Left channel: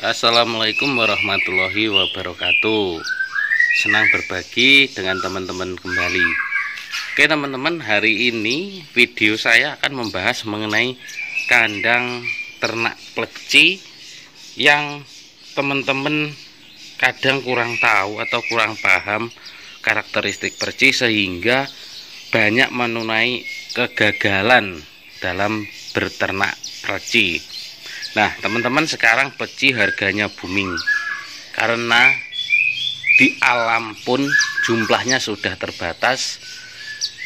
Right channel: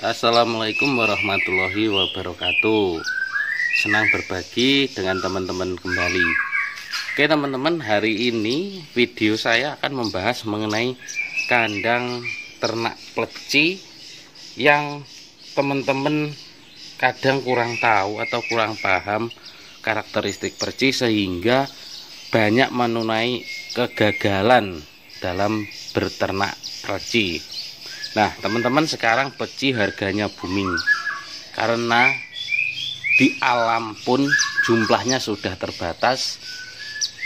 Assalamualaikum warahmatullahi wabarakatuh. Senang berbagi dengan teman-teman kembali. Oke teman-teman, hari ini video saya akan membahas mengenai kandang ternak pleci yang teman-teman kadang kurang tahu atau kurang paham karakteristik pleci, sehingga banyak menunai kegagalan dalam berternak pleci. Nah teman-teman, sekarang pleci harganya booming karena di alam pun jumlahnya sudah terbatas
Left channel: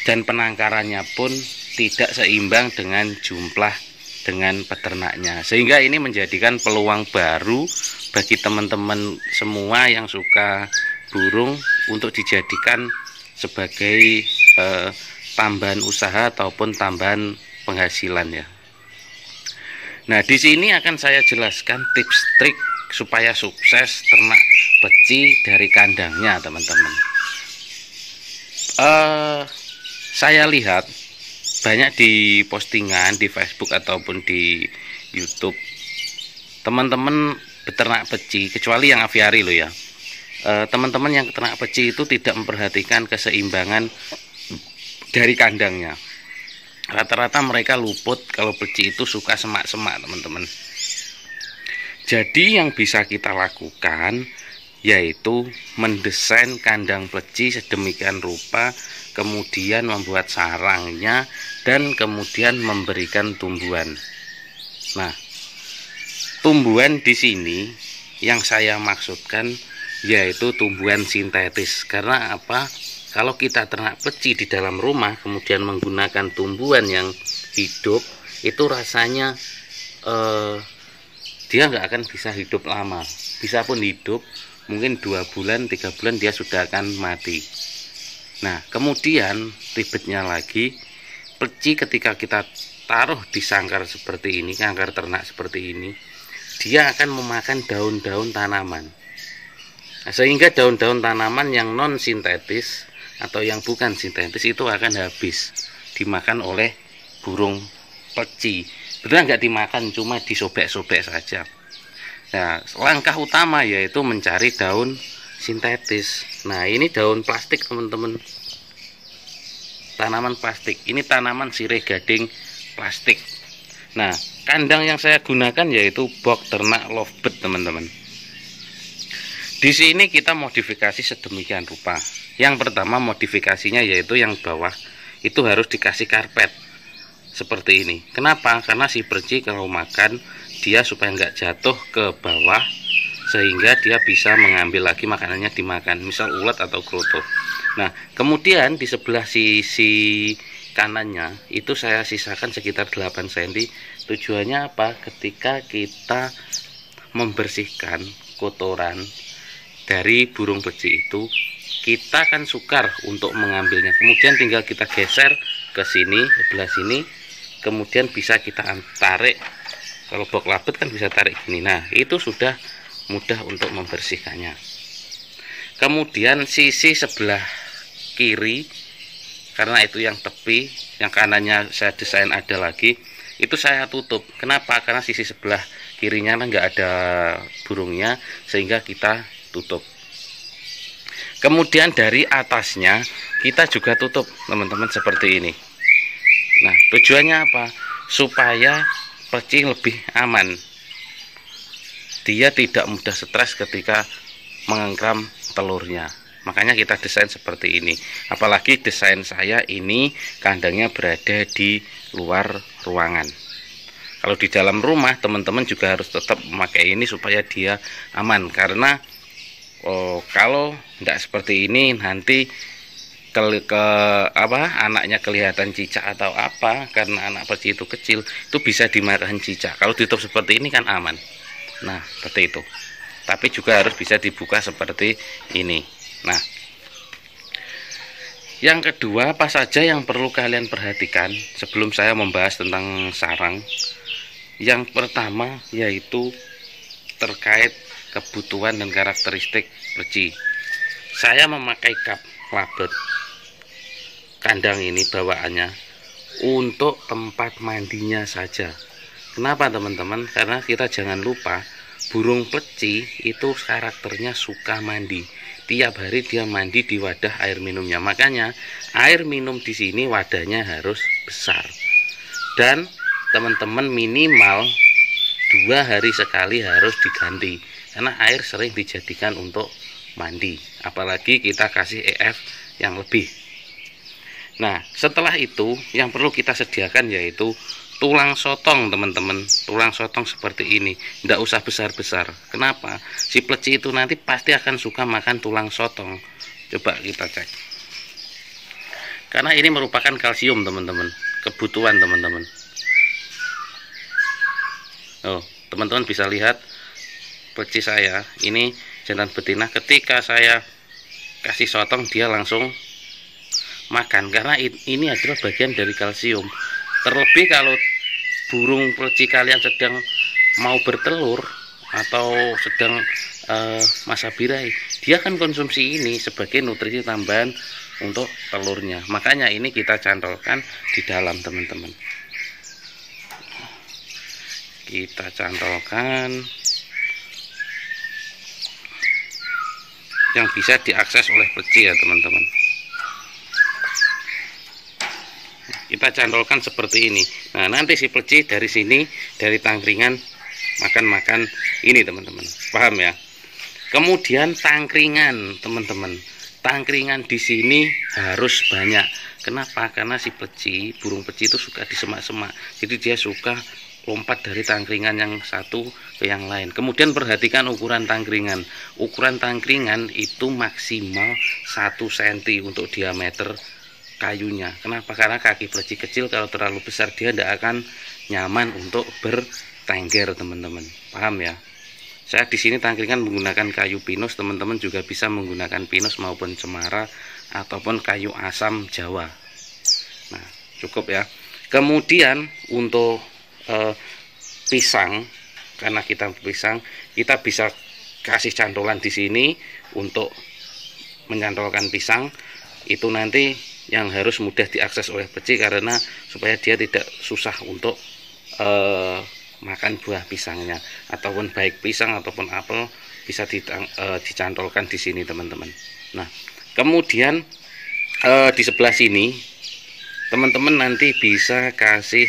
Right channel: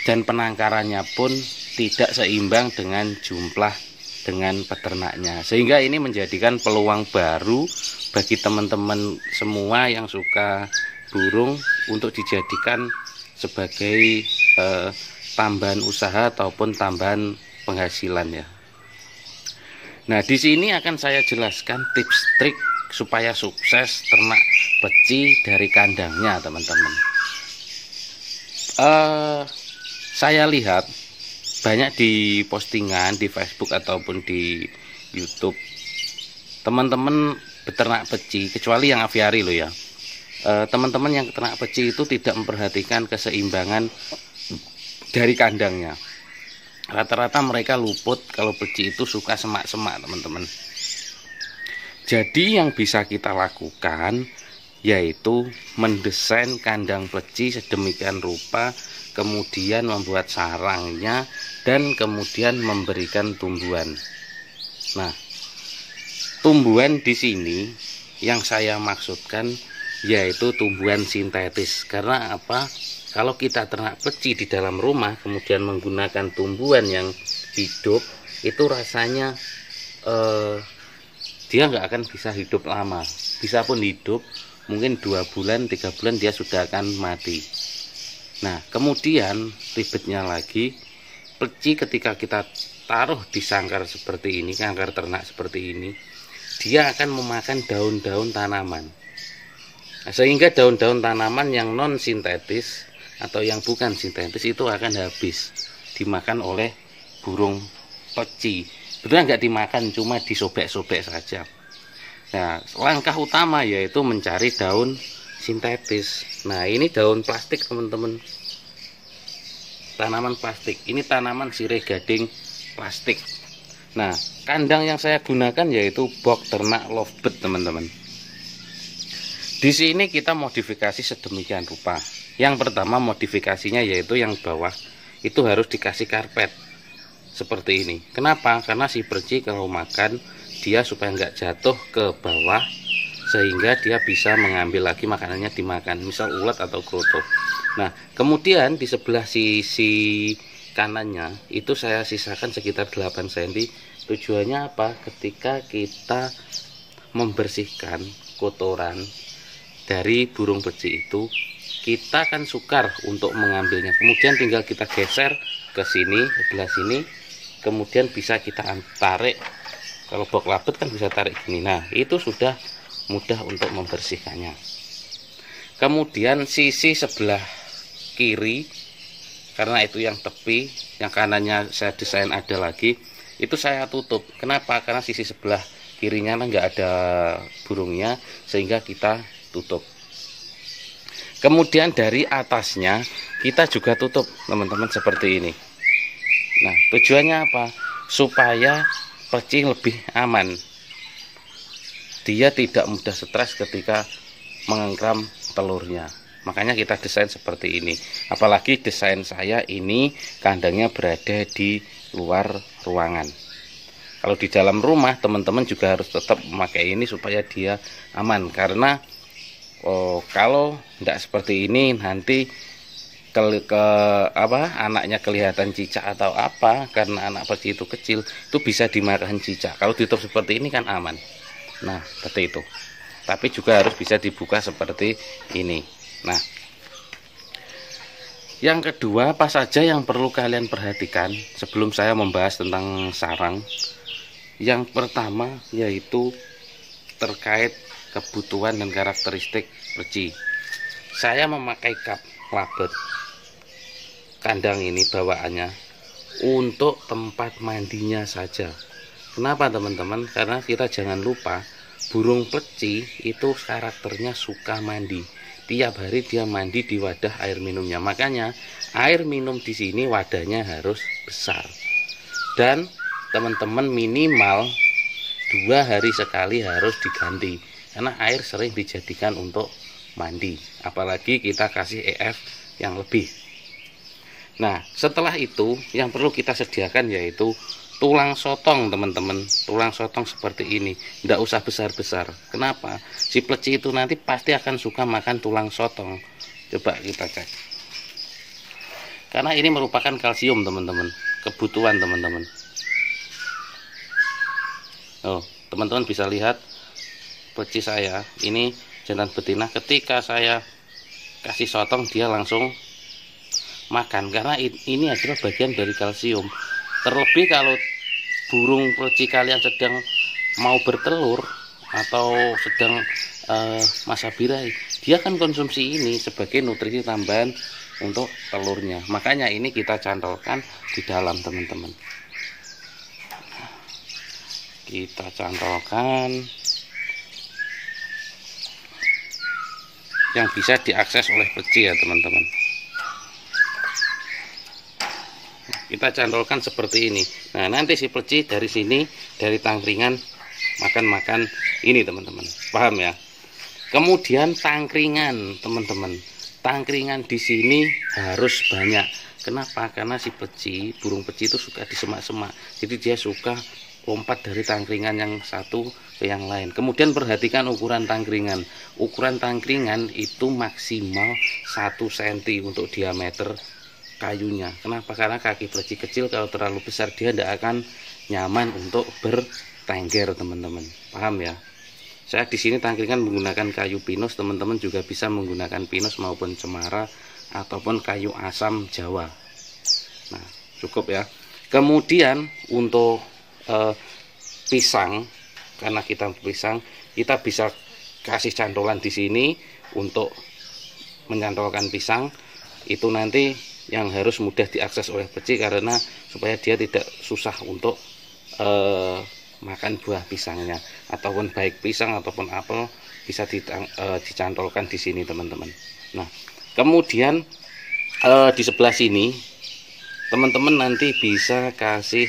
dan penangkarannya pun tidak seimbang dengan jumlah dengan peternaknya, sehingga ini menjadikan peluang baru bagi teman-teman semua yang suka burung untuk dijadikan sebagai tambahan usaha ataupun tambahan penghasilan ya. Nah, di sini akan saya jelaskan tips trik supaya sukses ternak pleci dari kandangnya, teman-teman. Saya lihat banyak di postingan di Facebook ataupun di YouTube, teman-teman beternak pleci, kecuali yang aviari loh ya. Teman-teman yang ternak pleci itu tidak memperhatikan keseimbangan dari kandangnya. Rata-rata mereka luput kalau pleci itu suka semak-semak, teman-teman. Jadi yang bisa kita lakukan yaitu mendesain kandang pleci sedemikian rupa, kemudian membuat sarangnya, dan kemudian memberikan tumbuhan. Nah, tumbuhan di sini yang saya maksudkan yaitu tumbuhan sintetis. Karena apa? Kalau kita ternak pleci di dalam rumah kemudian menggunakan tumbuhan yang hidup, itu rasanya dia nggak akan bisa hidup lama. Bisa pun hidup mungkin 2 bulan 3 bulan dia sudah akan mati. Nah kemudian ribetnya lagi, pleci ketika kita taruh di sangkar seperti ini, sangkar ternak seperti ini, dia akan memakan daun-daun tanaman. Nah, sehingga daun-daun tanaman yang non sintetis atau yang bukan sintetis itu akan habis dimakan oleh burung pleci. Betul nggak dimakan, cuma disobek-sobek saja. Nah, langkah utama yaitu mencari daun sintetis. Nah, ini daun plastik, teman-teman. Tanaman plastik. Ini tanaman sirih gading plastik. Nah, kandang yang saya gunakan yaitu box ternak lovebird, teman-teman. Di sini kita modifikasi sedemikian rupa. Yang pertama modifikasinya yaitu yang bawah itu harus dikasih karpet seperti ini. Kenapa? Karena si pleci kalau makan dia supaya nggak jatuh ke bawah, sehingga dia bisa mengambil lagi makanannya dimakan, misal ulat atau kroto. Nah kemudian di sebelah sisi kanannya itu saya sisakan sekitar 8 cm. Tujuannya apa? Ketika kita membersihkan kotoran dari burung pleci itu, kita akan sukar untuk mengambilnya. Kemudian tinggal kita geser ke sini, sebelah sini, kemudian bisa kita tarik. Kalau box labet kan bisa tarik gini. Nah itu sudah mudah untuk membersihkannya. Kemudian sisi sebelah kiri, karena itu yang tepi, yang kanannya saya desain ada lagi, itu saya tutup. Kenapa? Karena sisi sebelah kirinya nggak ada burungnya, sehingga kita tutup. Kemudian dari atasnya kita juga tutup, teman-teman, seperti ini. Nah tujuannya apa? Supaya pleci lebih aman, dia tidak mudah stres ketika mengengkram telurnya. Makanya kita desain seperti ini. Apalagi desain saya ini kandangnya berada di luar ruangan. Kalau di dalam rumah teman-teman juga harus tetap memakai ini supaya dia aman. Karena kalau tidak seperti ini nanti anaknya kelihatan cicak atau apa, karena anak pleci itu kecil, itu bisa dimakan cicak. Kalau ditutup seperti ini kan aman. Nah seperti itu. Tapi juga harus bisa dibuka seperti ini. Nah yang kedua, apa saja yang perlu kalian perhatikan sebelum saya membahas tentang sarang? Yang pertama yaitu terkait kebutuhan dan karakteristik pleci. Saya memakai kap labet kandang ini bawaannya untuk tempat mandinya saja. Kenapa teman-teman? Karena kita jangan lupa burung pleci itu karakternya suka mandi. Tiap hari dia mandi di wadah air minumnya. Makanya air minum di sini wadahnya harus besar. Dan teman-teman minimal 2 hari sekali harus diganti. Karena air sering dijadikan untuk mandi. Apalagi kita kasih EF yang lebih. Nah, setelah itu yang perlu kita sediakan yaitu tulang sotong, teman-teman. Tulang sotong seperti ini, tidak usah besar-besar. Kenapa? Si pleci itu nanti pasti akan suka makan tulang sotong. Coba kita cek. Karena ini merupakan kalsium, teman-teman. Kebutuhan teman-teman. Oh, teman-teman bisa lihat pleci saya. Ini jantan betina. Ketika saya kasih sotong, dia langsung makan. Karena ini adalah bagian dari kalsium. Terlebih kalau burung pleci kalian sedang mau bertelur atau sedang masa birahi, dia akan konsumsi ini sebagai nutrisi tambahan untuk telurnya. Makanya ini kita cantolkan di dalam, teman-teman. Kita cantolkan yang bisa diakses oleh pleci ya, teman-teman. Kita cantolkan seperti ini. Nah, nanti si pleci dari sini, dari tangkringan makan-makan ini, teman-teman. Paham ya? Kemudian tangkringan, teman-teman. Tangkringan di sini harus banyak. Kenapa? Karena si pleci, burung pleci itu suka di semak-semak. Jadi dia suka lompat dari tangkringan yang satu ke yang lain. Kemudian perhatikan ukuran tangkringan. Ukuran tangkringan itu maksimal 1 cm untuk diameter kayunya. Kenapa? Karena kaki pleci kecil kalau terlalu besar dia tidak akan nyaman untuk bertengger, teman-teman. Paham ya? Saya di sini tangkringan menggunakan kayu pinus, teman-teman juga bisa menggunakan pinus maupun cemara ataupun kayu asam Jawa. Nah, cukup ya. Kemudian untuk pisang, karena kita pisang, kita bisa kasih cantolan di sini untuk mencantolkan pisang. Itu nanti yang harus mudah diakses oleh pleci karena supaya dia tidak susah untuk makan buah pisangnya, ataupun baik pisang ataupun apel bisa dicantolkan di sini, teman-teman. Nah, kemudian di sebelah sini teman-teman nanti bisa kasih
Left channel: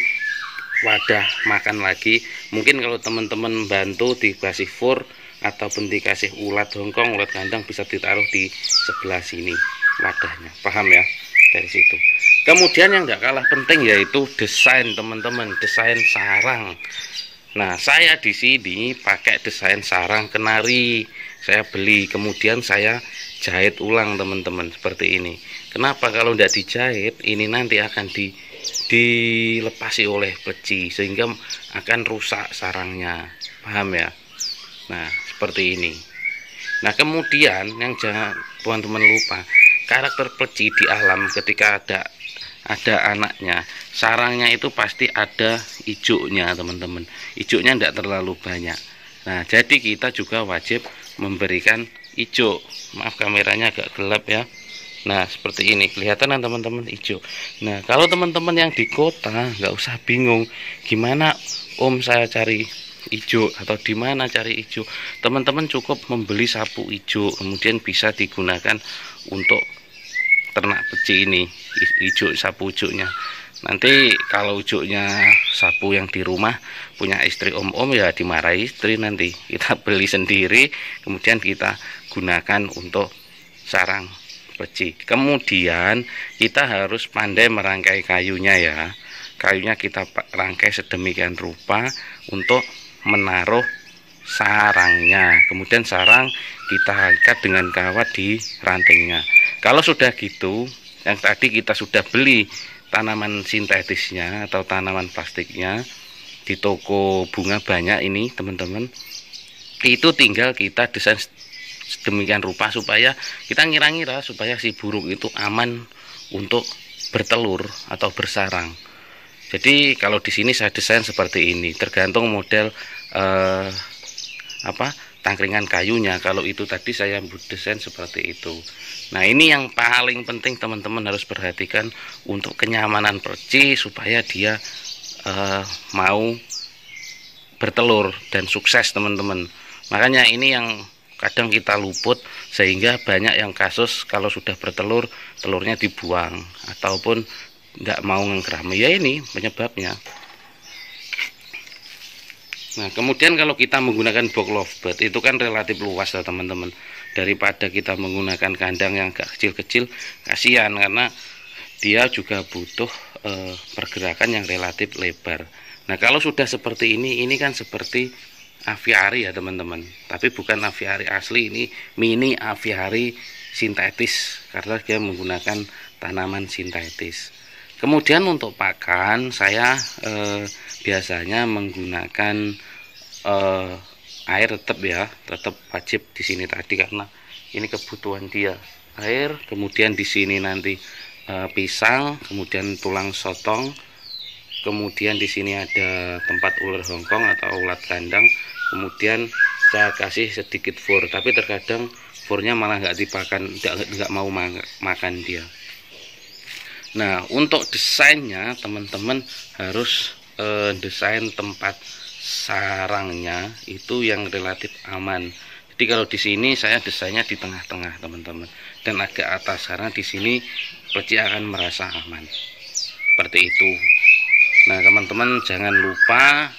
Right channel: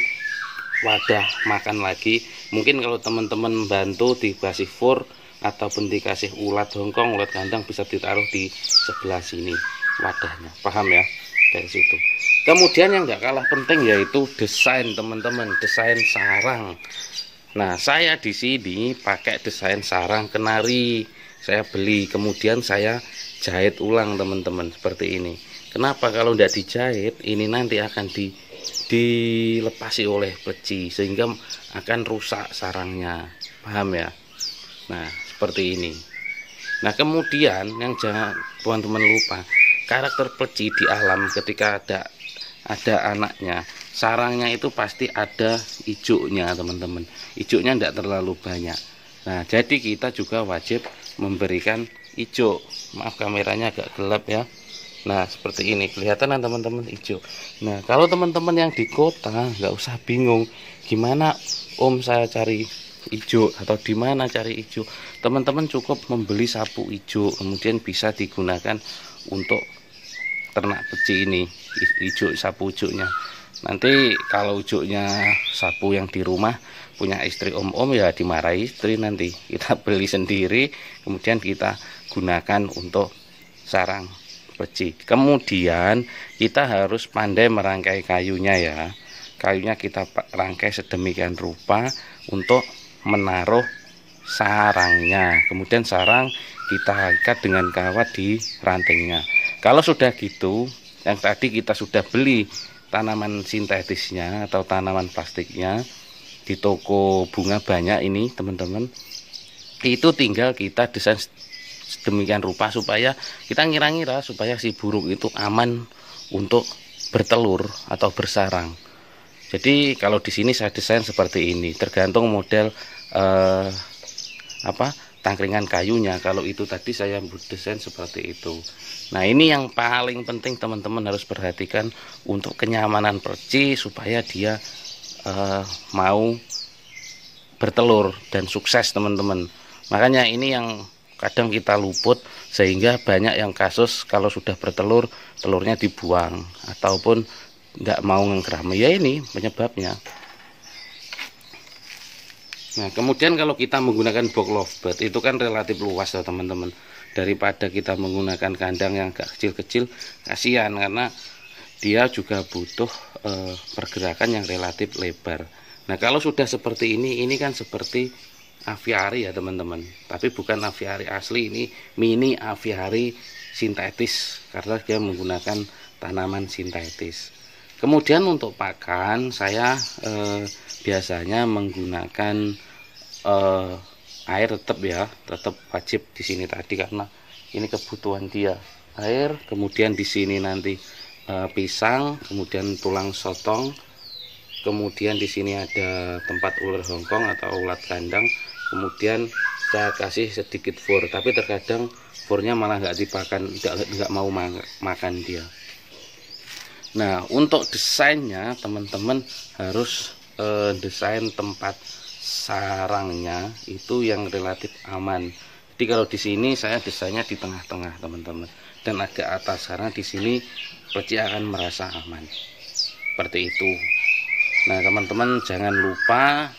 wadah makan lagi. Mungkin kalau teman-teman bantu dikasih fur ataupun dikasih ulat hongkong, ulat kandang, bisa ditaruh di sebelah sini wadahnya. Paham ya? Dari situ. Kemudian yang nggak kalah penting yaitu desain, teman-teman, desain sarang. Nah, saya di sini pakai desain sarang kenari. Saya beli, kemudian saya jahit ulang, teman-teman, seperti ini. Kenapa? Kalau tidak dijahit, ini nanti akan dilepasi oleh pleci sehingga akan rusak sarangnya. Paham ya? Nah, seperti ini. Nah, kemudian yang jangan teman-teman lupa, karakter pleci di alam ketika ada anaknya, sarangnya itu pasti ada hijaunya, teman-teman. Hijaunya tidak terlalu banyak. Nah, jadi kita juga wajib memberikan hijau. Maaf kameranya agak gelap ya. Nah, seperti ini kelihatan kan, teman-teman, hijau. Nah, kalau teman-teman yang di kota nggak usah bingung gimana om saya cari hijau atau di mana cari hijau. Teman-teman cukup membeli sapu hijau, kemudian bisa digunakan untuk ternak pleci ini, hijau, sapu hijaunya. Nanti kalau hijaunya sapu yang di rumah punya istri om-om ya dimarahi istri, nanti kita beli sendiri kemudian kita gunakan untuk sarang pleci. Kemudian kita harus pandai merangkai kayunya ya. Kayunya kita rangkai sedemikian rupa untuk menaruh sarangnya. Kemudian sarang kita ikat dengan kawat di rantingnya. Kalau sudah gitu, yang tadi kita sudah beli tanaman sintetisnya atau tanaman plastiknya di toko bunga banyak ini, teman-teman. Itu tinggal kita desain sedemikian rupa supaya kita ngira-ngira supaya si burung itu aman untuk bertelur atau bersarang. Jadi kalau di sini saya desain seperti ini, tergantung model tangkringan kayunya. Kalau itu tadi saya desain seperti itu. Nah, ini yang paling penting teman-teman harus perhatikan untuk kenyamanan pleci supaya dia mau bertelur dan sukses, teman-teman. Makanya ini yang kadang kita luput, sehingga banyak yang kasus kalau sudah bertelur, telurnya dibuang ataupun tidak mau ngengkram. Ya ini penyebabnya. Nah, kemudian kalau kita menggunakan box lovebird itu kan relatif luas ya teman-teman. Daripada kita menggunakan kandang yang agak kecil-kecil, kasihan karena dia juga butuh pergerakan yang relatif lebar. Nah, kalau sudah seperti ini kan seperti aviari ya teman-teman. Tapi bukan aviari asli, ini mini aviari sintetis karena dia menggunakan tanaman sintetis. Kemudian untuk pakan saya biasanya menggunakan air tetap wajib di sini tadi karena ini kebutuhan dia, air. Kemudian di sini nanti pisang, kemudian tulang sotong, kemudian di sini ada tempat ular Hongkong atau ulat kandang. Kemudian saya kasih sedikit fur, tapi terkadang furnya malah nggak dipakan, nggak mau makan dia. Nah, untuk desainnya teman-teman harus desain tempat sarangnya itu yang relatif aman. Jadi kalau di sini saya desainnya di tengah-tengah teman-teman, dan agak atas karena di sini peci akan merasa aman. Seperti itu. Nah, teman-teman jangan lupa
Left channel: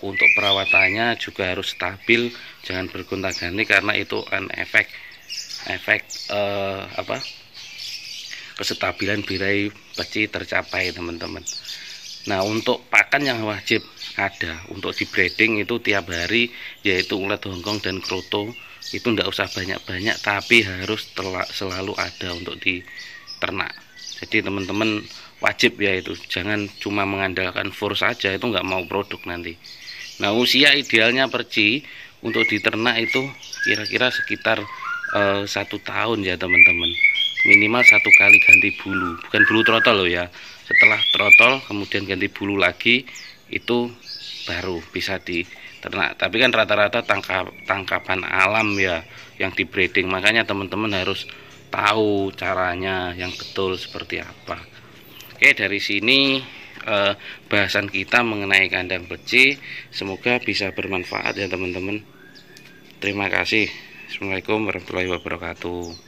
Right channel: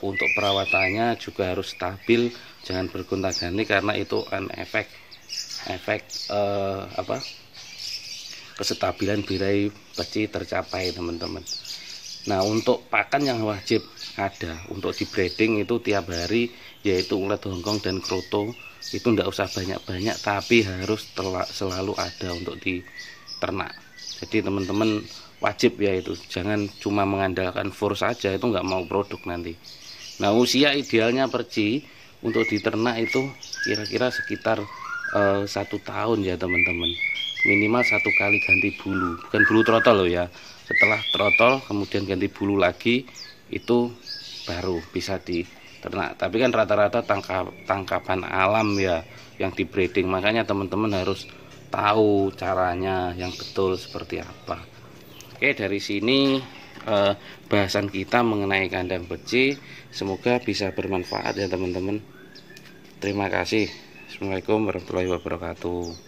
untuk perawatannya juga harus stabil, jangan bergonta-ganti karena itu kan efek kestabilan birahi peci tercapai teman-teman. Nah, untuk pakan yang wajib ada untuk di breeding itu tiap hari, yaitu ulat Hongkong dan kroto. Itu tidak usah banyak-banyak, tapi harus selalu ada untuk di ternak. Jadi teman-teman wajib ya itu, jangan cuma mengandalkan fur saja, itu nggak mau produk nanti. Nah, usia idealnya perci untuk diternak itu kira-kira sekitar 1 tahun ya teman-teman. Minimal 1 kali ganti bulu, bukan bulu trotol loh ya. Setelah trotol kemudian ganti bulu lagi, itu baru bisa diternak. Tapi kan rata-rata tangkapan alam ya yang di breeding, makanya teman-teman harus tahu caranya yang betul seperti apa. Oke, dari sini bahasan kita mengenai kandang peci, semoga bisa bermanfaat ya teman-teman. Terima kasih. Assalamualaikum warahmatullahi wabarakatuh.